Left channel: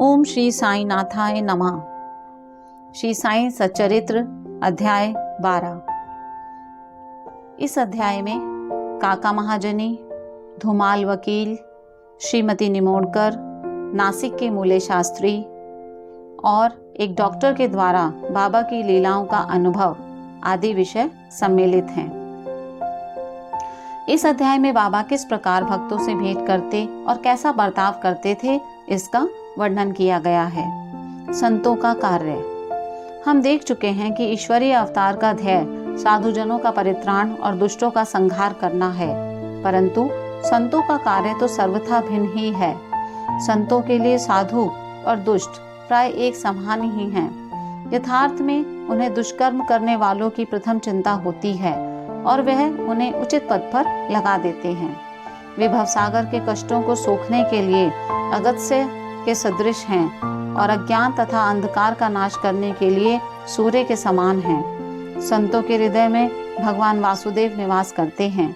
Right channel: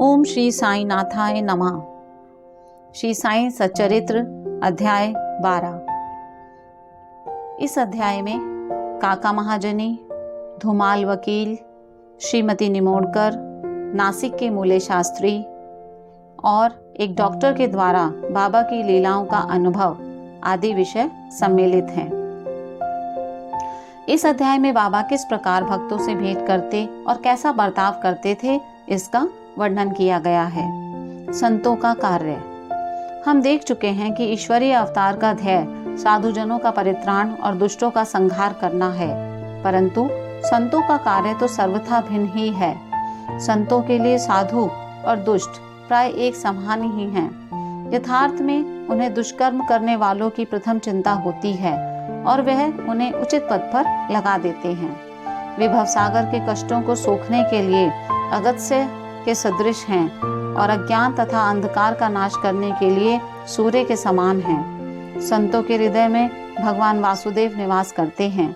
ओम श्री साई नाथाय नमः। श्री साई सच्चरित्र अध्याय 12। इस अध्याय में काका महाजनी, धुमाल वकील, श्रीमती निमोणकर, नासिक के मूले शास्त्री और एक डॉक्टर के द्वारा बाबा की लीलाओं का अनुभव आदि विषय सम्मिलित हैं। इस अध्याय में बाबा किस प्रकार भक्तों से भेंट करते और कैसा बर्ताव करते थे, इसका वर्णन किया गया है। संतों का कार्य। हम देख चुके हैं कि ईश्वरीय अवतार का ध्येय साधुजनों का परित्राण और दुष्टों का संहार करना है, परंतु संतों का कार्य तो सर्वथा भिन्न ही है। संतों के लिए साधु और दुष्ट प्राय एक समान ही हैं। यथार्थ में उन्हें दुष्कर्म करने वालों की प्रथम चिंता होती है और वह उन्हें उचित पद पर लगा देते हैं। वे भवसागर के कष्टों को सोखने के लिए अगस्त्य के सदृश हैं और अज्ञान तथा अंधकार का नाश करने के लिए सूर्य के समान हैं। संतों के हृदय में भगवान वासुदेव निवास करते हैं,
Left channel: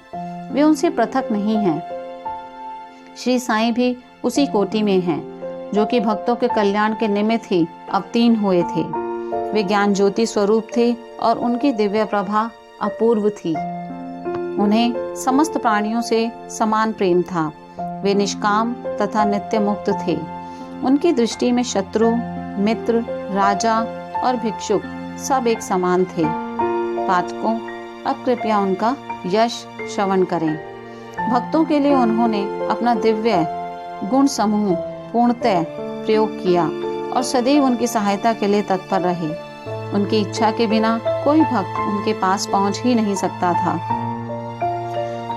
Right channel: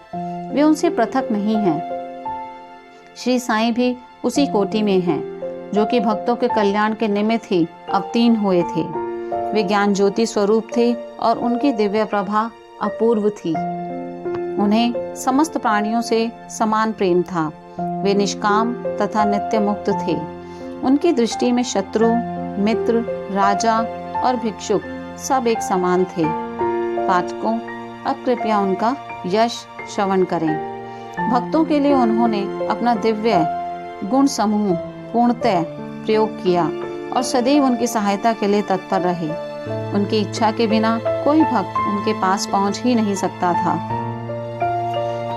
वे उनसे पृथक नहीं हैं। श्री साईं भी उसी कोटि में हैं, जो कि भक्तों के कल्याण के निमित्त ही अवतीर्ण हुए थे। वे ज्ञान ज्योति स्वरूप थे और उनकी दिव्य प्रभा अपूर्व थी। उन्हें समस्त प्राणियों से समान प्रेम था। वे निष्काम तथा नित्य मुक्त थे। उनकी दृष्टि में शत्रु, मित्र, राजा और भिक्षुक सब एक समान थे। पाठकों, अब कृपया उनका यश श्रवण करें। भक्तों के लिए उन्होंने अपना दिव्य गुण समूह पूर्णतः प्रयोग किया और सदैव उनकी सहायता के लिए तत्पर रहे। उनकी इच्छा के बिना कोई भक्त उनके पास पहुंच ही नहीं सकता था।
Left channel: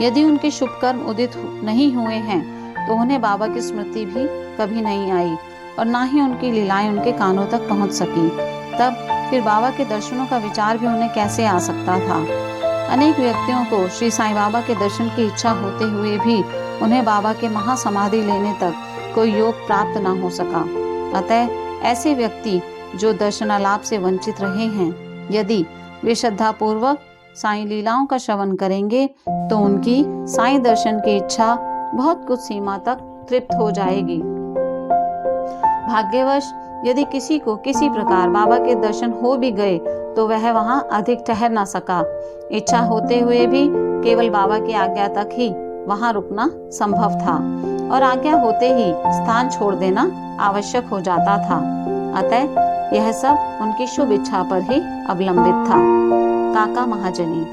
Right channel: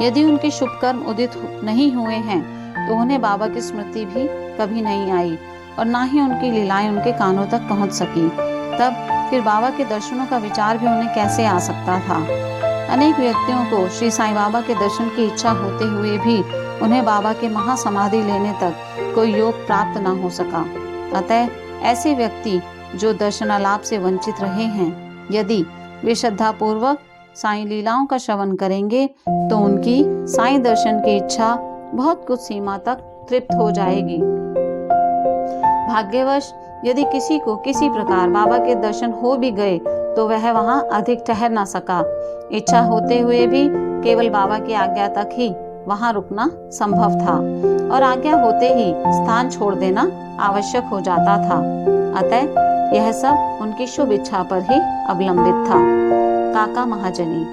यदि उनके शुभ कर्म उदित नहीं हुए हैं तो उन्हें बाबा की स्मृति भी कभी नहीं आई और ना ही उनकी लीलाएं उनके कानों तक पहुंच सकी। तब फिर बाबा के दर्शनों का विचार भी उन्हें कैसे आ सकता था। अनेक व्यक्तियों को श्री साईं बाबा के दर्शन की इच्छा होते हुए भी उन्हें बाबा के महासमाधि लेने तक कोई योग प्राप्त न हो सका। अतः ऐसे व्यक्ति जो दर्शनालाभ से वंचित रहे हैं, यदि वे श्रद्धा पूर्वक साईं लीलाओं का श्रवण करेंगे तो उनकी साईं दर्शन की इच्छा बहुत कुछ सीमा तक तृप्त हो जाएगी। भाग्यवश यदि किसी को किसी प्रकार बाबा के दर्शन हो भी गए तो वह वहां अधिक ठहर न सका। इच्छा होते हुए भी केवल बाबा की आज्ञा तक ही वहां रुकना संभव था और आज्ञा होते ही स्थान छोड़ देना आवश्यक हो जाता था। अतः यह सब उनकी शुभ इच्छा पर ही अवलंबित था। काका महाजनी।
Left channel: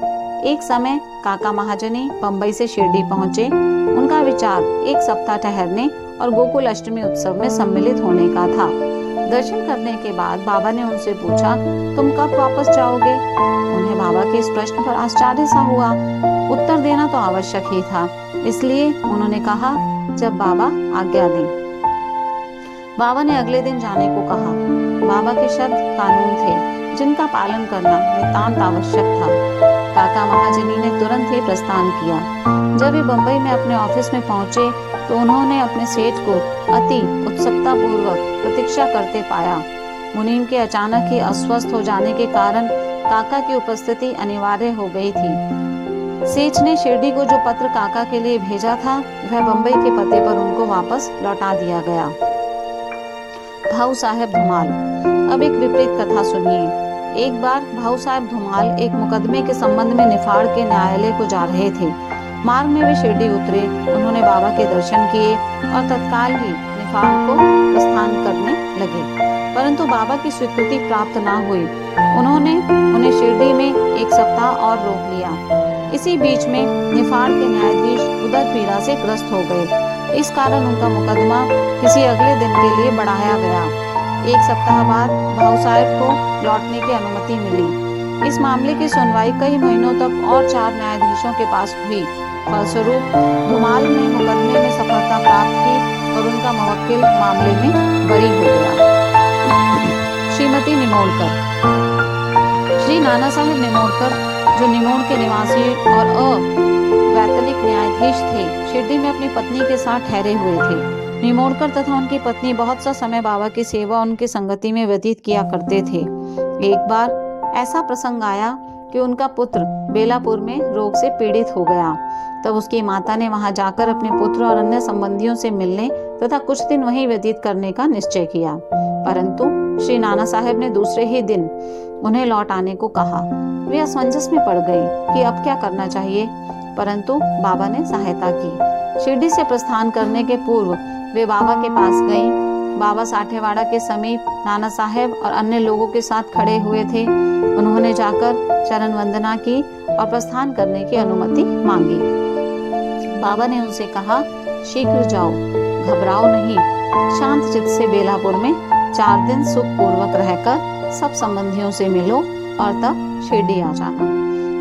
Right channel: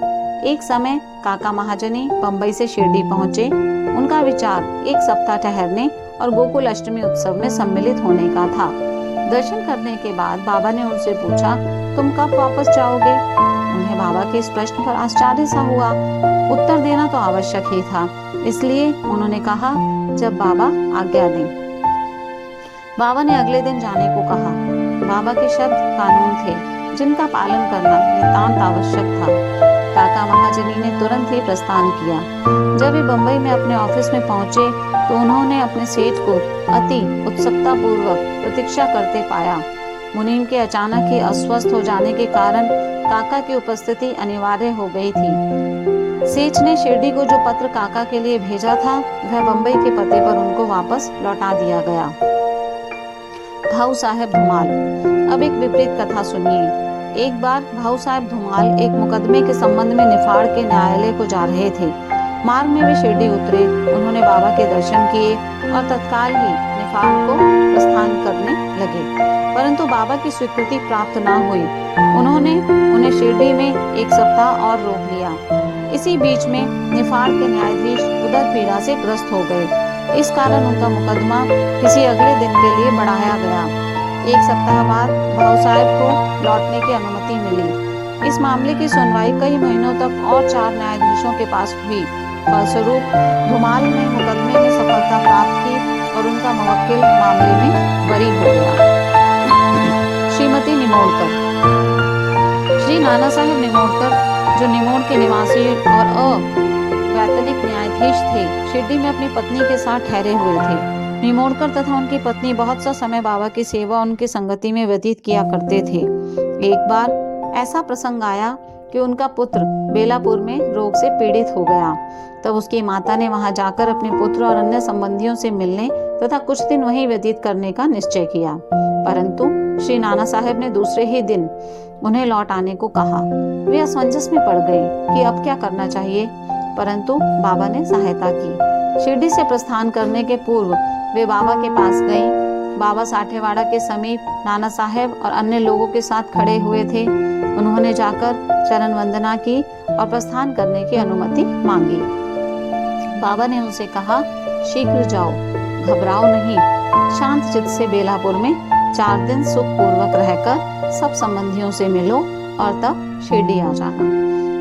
एक समय काका महाजनी बंबई से शिरडी पहुंचे। उनका विचार एक सप्ताह ठहरने और गोकुल अष्टमी उत्सव में सम्मिलित होने का था। दर्शन करने के बाद बाबा ने उनसे पूछा, तुम कब वापस जाओगे? उन्हें बाबा के इस प्रश्न पर आश्चर्य सा हुआ। उत्तर देना तो आवश्यक ही था, इसलिए उन्होंने कहा, जब बाबा आज्ञा दें। बाबा ने अगले दिन जाने को कहा। बाबा के शब्द कानून थे जिनका पालन करना नितांत आवश्यक था। काका महाजनी ने तुरंत ही प्रस्थान किया। जब वे बंबई में अपने ऑफिस में पहुंचे तो उन्होंने अपने सेठ को अति उत्सुकता पूर्वक प्रतीक्षा करते पाया। मुनीम के अचानक ही अस्वस्थ हो जाने के कारण काका की उपस्थिति अनिवार्य हो गई थी। सेठ ने शिरडी को जो पत्र काका के लिए भेजा था वह बंबई के पते पर उनको वापस लौटा दिया गया। भाऊ साहेब धुमाल। अब एक विपरीत कथा सुनिए। एक बार भाऊ साहब धुमाल एक मुकदमे के संबंध में निफाड़ के न्यायालय को जा रहे थे। मार्ग में वे शिरडी उतरे। उन्होंने बाबा के दर्शन किए और तत्काल ही निफाड़ को प्रस्थान करने लगे, परंतु बाबा की स्वीकृति प्राप्त न हुई। उन्होंने उन्हें शिरडी में एक सप्ताह और रोक लिया। इसी बीच में निफाड़ के न्यायाधीश उदर पीड़ा से ग्रस्त हो गए। इस कारण उनका मुकदमा किसी अगले दिन के लिए बढ़ाया गया। एक सप्ताह बाद भाऊ साहब को लौटने की अनुमति मिली। इस मामले की सुनवाई कई महीनों तक और 4 न्यायाधीशों के पास हुई। फलस्वरूप धुमाल ने मुकदमे में सफलता प्राप्त की और उनका मुवक्किल मामले में बरी हो गया। श्रीमती निमोणकर। श्री नाना साहेब निमोणकर, जो निमोण के निवासी और अवैतनिक न्यायाधीश थे, शिरडी में अपनी पत्नी के साथ ठहरे हुए थे। निमोणकर तथा उनकी पत्नी बहुत सा समय बाबा की सेवा उनकी संगति में व्यतीत किया करते थे। एक बार ऐसा प्रसंग आया कि उनका पुत्र बेलापुर में रोग से पीड़ित हो गया। तब उसकी माता ने वहां जाकर अपने पुत्र और अन्य संबंधियों से मिलने तथा कुछ दिन वहीं व्यतीत करने का निश्चय किया। परंतु श्री नाना साहेब ने दूसरे ही दिन उन्हें लौट आने को कहा। वे असमंजस में पड़ गए कि अब क्या करना चाहिए, परंतु बाबा ने सहायता की। शिरडी से प्रस्थान करने के पूर्व वे बाबा के पास गईं। बाबा साठेवाड़ा के समीप नाना साहेब और अन्य लोगों के साथ खड़े हुए थे। उन्होंने जाकर चरण वंदना की और प्रस्थान करने की अनुमति मांगी। बाबा ने उनसे कहा, शीघ्र जाओ, घबराओ नहीं, शांत चित्त से बेलापुर में 4 दिन सुख पूर्वक रहकर सब संबंधियों से मिलो और तब शिरडी आ जाना।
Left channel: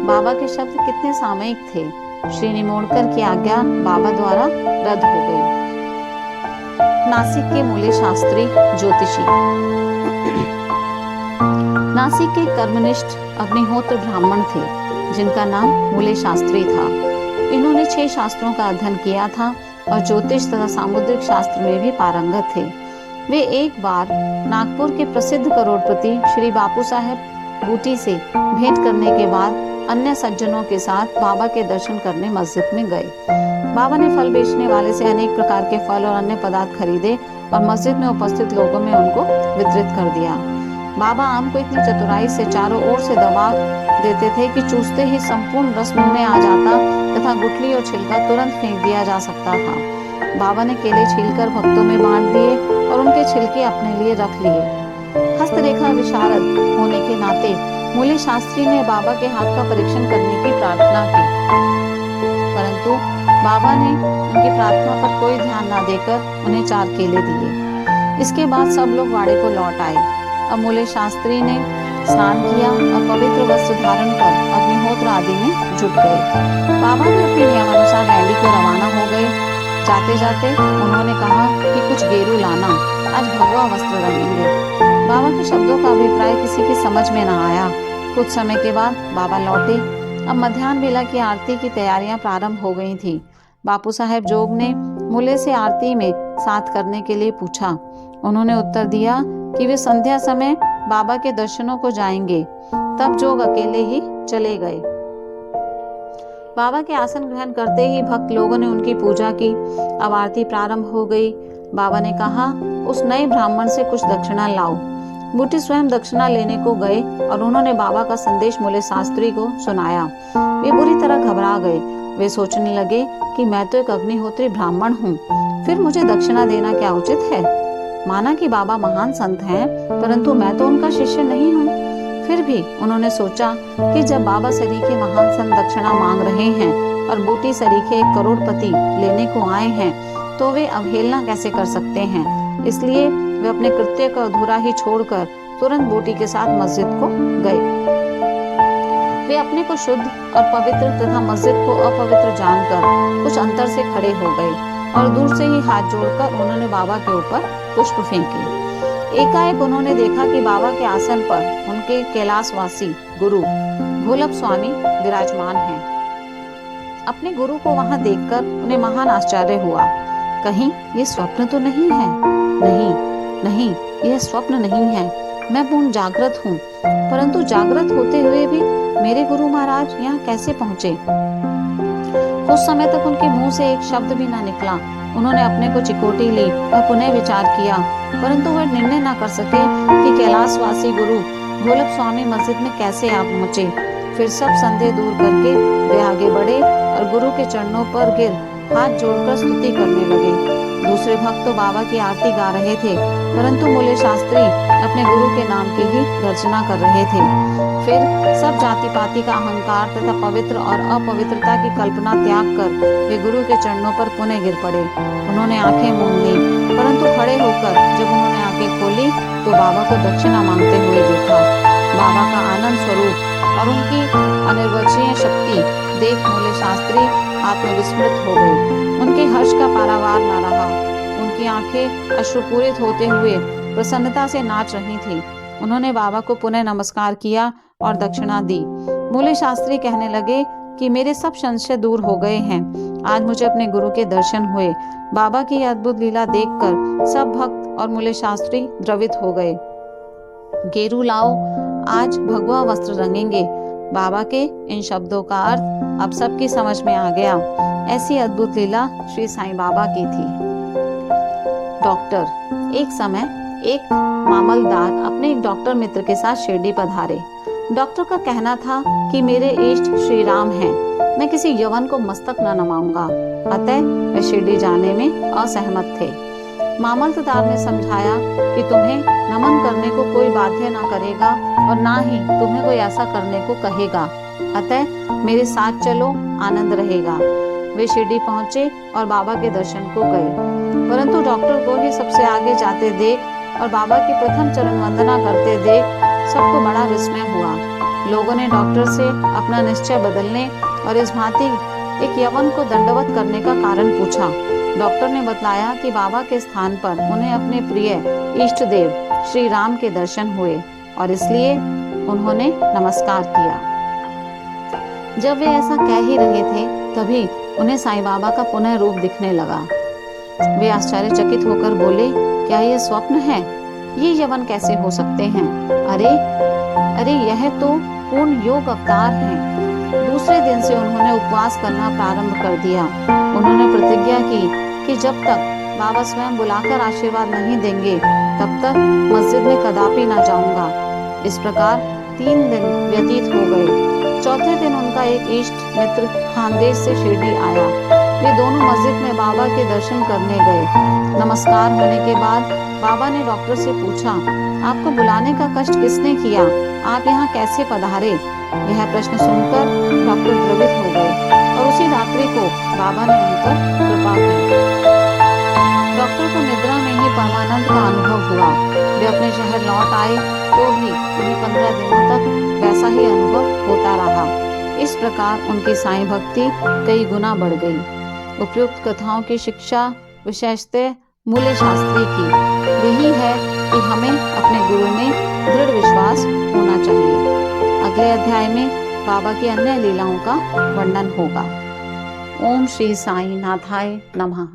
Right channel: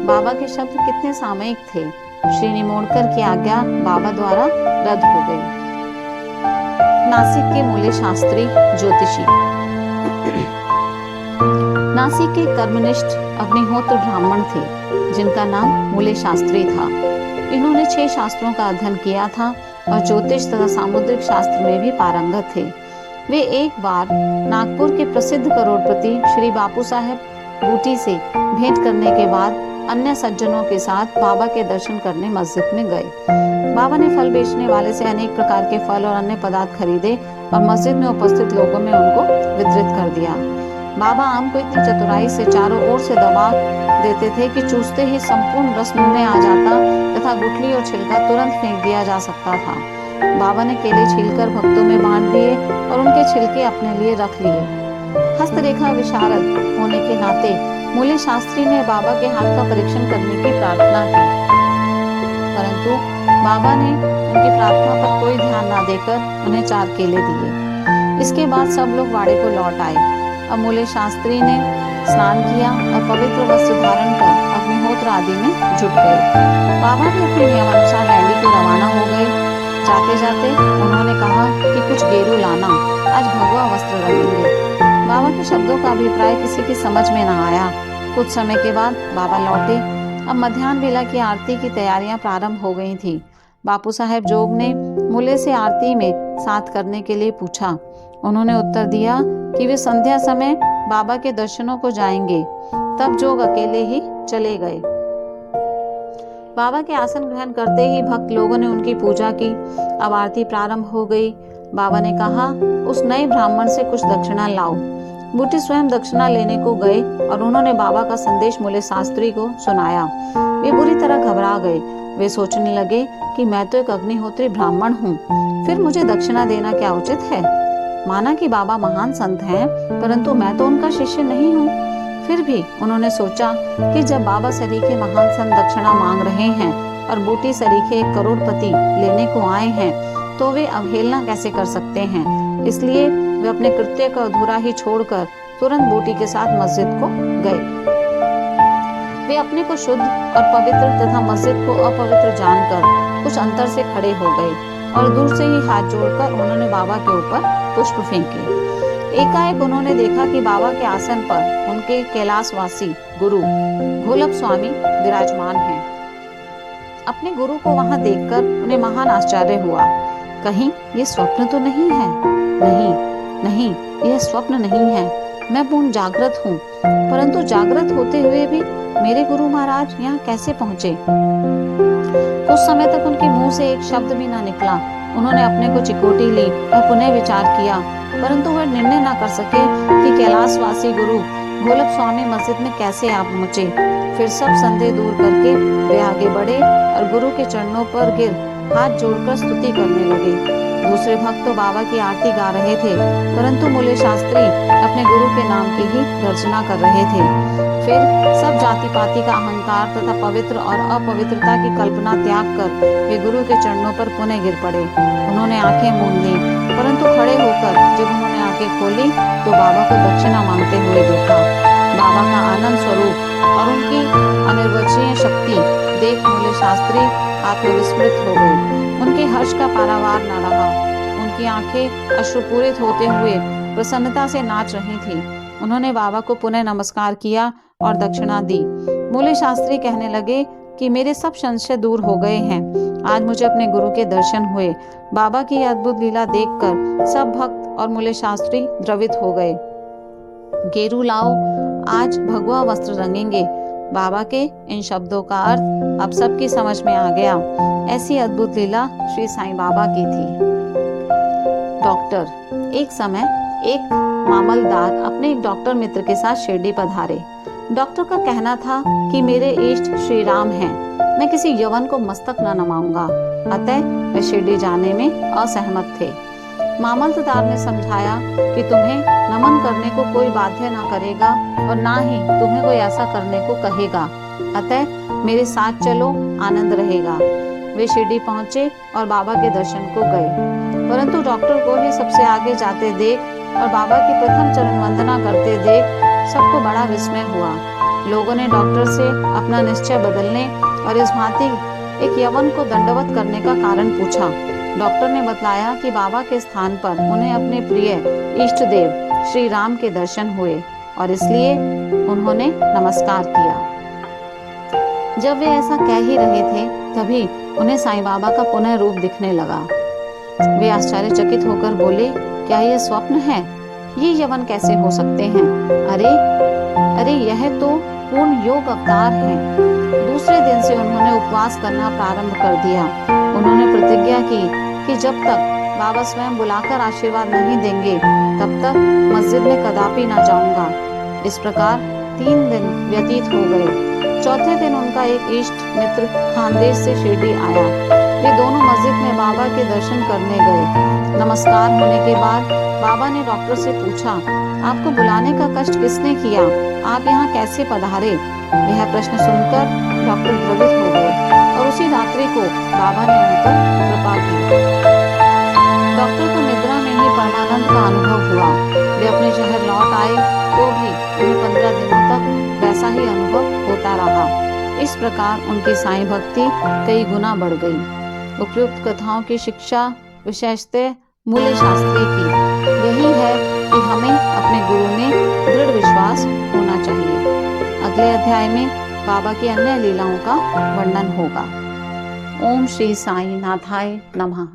बाबा के शब्द कितने सामयिक थे। श्री निमोड़कर की आज्ञा बाबा द्वारा रद्द हो गई। नासिक के मूले शास्त्री ज्योतिषी। नासिक के कर्मनिष्ठ अग्निहोत्र ब्राह्मण थे, जिनका नाम मूले शास्त्री था। इन्होंने 6 शास्त्रों का अध्ययन किया था और ज्योतिष तथा सामुद्रिक शास्त्र में भी पारंगत थे। वे एक बार नागपुर के प्रसिद्ध करोड़पति श्री बापू साहेब बूटी से भेंट करने के बाद अन्य सज्जनों के साथ बाबा के दर्शन करने मस्जिद में गए। बाबा ने फल बेचने वाले से अनेक प्रकार के फल और अन्य पदार्थ खरीदे और मस्जिद में उपस्थित लोगों में उनको वितरित कर दिया। बाबा आम को इतनी चतुराई से चारों ओर से दबा देते थे कि चूसते ही संपूर्ण रस मुंह में आ जाता तथा गुठली और छिलका तुरंत फेंक दिया जा सकता था। बाबा ने केले छीलकर भक्तों में बांट दिए और उनके छिलके अपने लिए रख लिए। हस्तरेखा विशारद होने के नाते मूले शास्त्री ने बाबा के हाथ का परीक्षण करने की प्रार्थना की, परंतु बाबा ने उनकी प्रार्थना पर कोई ध्यान न देकर उन्हें 4 केले दिए। इसके बाद सब लोग वाड़े को लौट आए। अब मूले शास्त्री ने स्नान किया और पवित्र वस्त्र धारण कर अग्निहोत्र आदि में जुट गए। बाबा भी अपने नियमानुसार लैंडी को रवाना हो गए। जाते जाते उन्होंने कहा कि कुछ गेरू लाना, आज भगवा वस्त्र रंगेंगे। बाबा के शब्दों का अभिप्राय किसी की समझ में न आया। कुछ समय के बाद बाबा लौटे। अब मध्याह्न बेला की आरती की तैयारियां प्रारंभ हो गई थी। बापू साहेब जोग ने मूले से आरती में साथ करने के लिए पूछा। उन्होंने उत्तर दिया कि वे संध्या समय बाबा के दर्शनों को जाएंगे। तब जोग अकेले ही चले गए। बाबा के आसन ग्रहण करते ही भक्त लोगों ने उनकी पूजा की। अब आरती प्रारंभ हो गई। बाबा ने कहा, उस नए ब्राह्मण से कुछ दक्षिणा लाओ। बूटी स्वयं दक्षिणा लेने को गए और उन्होंने बाबा का संदेश मूले शास्त्री को सुनाया। वे बुरी तरह घबरा गए। वे सोचने लगे कि मैं तो एक अग्निहोत्री ब्राह्मण हूँ, फिर मुझे दक्षिणा देना क्या उचित है। माना कि बाबा महान संत हैं, परंतु मैं तो उनका शिष्य नहीं हूँ। फिर भी उन्होंने सोचा कि जब बाबा सरीखे महान संत दक्षिणा मांग रहे हैं और बूटी सरीखे 1 करोड़पति लेने को आए हैं, तो वे अवहेलना कैसे कर सकते हैं। इसलिए वे अपने कृत्य को अधूरा ही छोड़कर तुरंत बूटी के साथ मस्जिद को गए। वे अपने को शुद्ध और पवित्र तथा मस्जिद को अपवित्र जानकर कुछ अंतर से खड़े हो गए और दूर से ही हाथ जोड़कर उन्होंने बाबा के ऊपर पुष्प फेंके। एकाएक उन्होंने देखा कि बाबा के आसन पर उनके कैलाशवासी गुरु घोलप स्वामी विराजमान हैं। अपने गुरु को वहां देखकर उन्हें महान आश्चर्य हुआ। कहीं ये स्वप्न तो नहीं है? नहीं, यह स्वप्न नहीं है। मैं पूर्ण जागृत हूँ, परंतु जागृत होते हुए भी मेरे गुरु महाराज यहाँ कैसे पहुँचे? कुछ समय तक उनके मुंह से एक शब्द भी न निकला। उन्होंने अपने को चिकोटी ली और पुनः विचार किया, परंतु वह निर्णय न कर सके कि कैलाशवासी गुरु घोलप स्वामी मस्जिद में कैसे आ पहुँचे। फिर सब संदेह दूर करके वे आगे बढ़े और गुरु के चरणों पर गिर हाथ जोड़कर स्तुति करने लगे। दूसरे भक्त तो बाबा की आरती गा रहे थे, परंतु मूले शास्त्री अपने गुरु के नाम की ही गर्जना कर रहे थे। फिर सब जाति पाति का अहंकार तथा पवित्र और अपवित्रता की कल्पना त्याग कर वे गुरु के चरणों पर पुनः गिर पड़े। उन्होंने आंखें मूंद ली, परंतु खड़े होकर जब उन्होंने आंखें खोली तो बाबा को दक्षिणा मांगते हुए देखा। बाबा का आनंद स्वरूप और उनकी अनिर्वचनीय शक्ति देख मूले शास्त्री आत्मविस्मृत हो गए। उनके हर्ष का पारावार न रहा। उनकी आंखें अश्रुपूरित होते हुए प्रसन्नता से नाच रही थी। उन्होंने बाबा को पुनः नमस्कार किया और दक्षिणा दी। मूले शास्त्री कहने लगे कि मेरे सब संशय दूर हो गए हैं। आज मुझे अपने गुरु के दर्शन हुए। बाबा की अद्भुत लीला देखकर सब भक्त और मूले शास्त्री द्रवित हो गए। गेरू लाओ, आज भगवा वस्त्र रंगेंगे। बाबा के इन शब्दों का अर्थ अब सबकी समझ में आ गया। ऐसी अद्भुत लीला श्री साईं बाबा की थी। डॉक्टर। एक समय एक मामलदार अपने एक डॉक्टर मित्र के साथ शिरडी पधारे। डॉक्टर का कहना था कि मेरे इष्ट श्री राम हैं, मैं किसी यवन को मस्तक न नवाऊंगा, अतः वे शिरडी जाने में असहमत थे। मामलतदार ने समझाया कि तुम्हें नमन करने को कोई बाध्य ना करेगा और ना ही तुम्हें कोई ऐसा करने को कहेगा, अतः मेरे साथ चलो, आनंद रहेगा। वे शिरडी पहुंचे और बाबा के दर्शन को गए, परंतु डॉक्टर को ही सबसे आगे जाते देख और बाबा की प्रथम चरण वंदना करते देख सबको बड़ा विस्मय हुआ। लोगों ने डॉक्टर से अपना निश्चय बदलने और इस भांति एक यवन को दंडवत करने का कारण पूछा। डॉक्टर ने बतलाया कि बाबा के स्थान पर उन्हें अपने प्रिय इष्ट देव श्री राम के दर्शन हुए और इसलिए उन्होंने नमस्कार किया। जब वे ऐसा कह ही रहे थे तभी उन्हें साईं बाबा का पुनः रूप दिखने लगा। वे आश्चर्यचकित होकर बोले, क्या यह स्वप्न है? ये यवन कैसे हो सकते हैं? अरे यह तो पूर्ण योग अवतार हैं। दूसरे दिन से उन्होंने उपवास करना प्रारंभ कर दिया। उन्होंने प्रतिज्ञा की कि जब तक बाबा स्वयं बुलाकर आशीर्वाद नहीं देंगे तब तक मस्जिद में कदापि ना जाऊंगा। इस प्रकार 3 दिन व्यतीत हो गए। चौथे दिन उनका एक इष्ट मित्र खानदेश से शिरडी आया। वे दोनों मस्जिद में बाबा के दर्शन करने गए। नमस्कार होने के बाद बाबा ने डॉक्टर से पूछा, आपको बुलाने का कष्ट किसने किया? आप यहाँ कैसे पधारे? यह प्रश्न सुनकर डॉक्टर द्रवित हो गए और उसी रात्रि को बाबा ने उन पर कृपा की। डॉक्टर को निद्रा में ही परमानंद का अनुभव हुआ। वे अपने शहर लौट आए तो भी उन्हें 15 दिनों तक वैसा ही अनुभव होता रहा। इस प्रकार उनकी साईं भक्ति कई गुना बढ़ गई। उपयुक्त कथाओं की शिक्षा विशेषतः मूल्य शास्त्री की यही है कि हमें अपने गुरु में दृढ़ विश्वास होना चाहिए। अगले अध्याय में बाबा की अन्य लीलाओं का वर्णन होगा। ओम श्री साईं नाथाय नमः।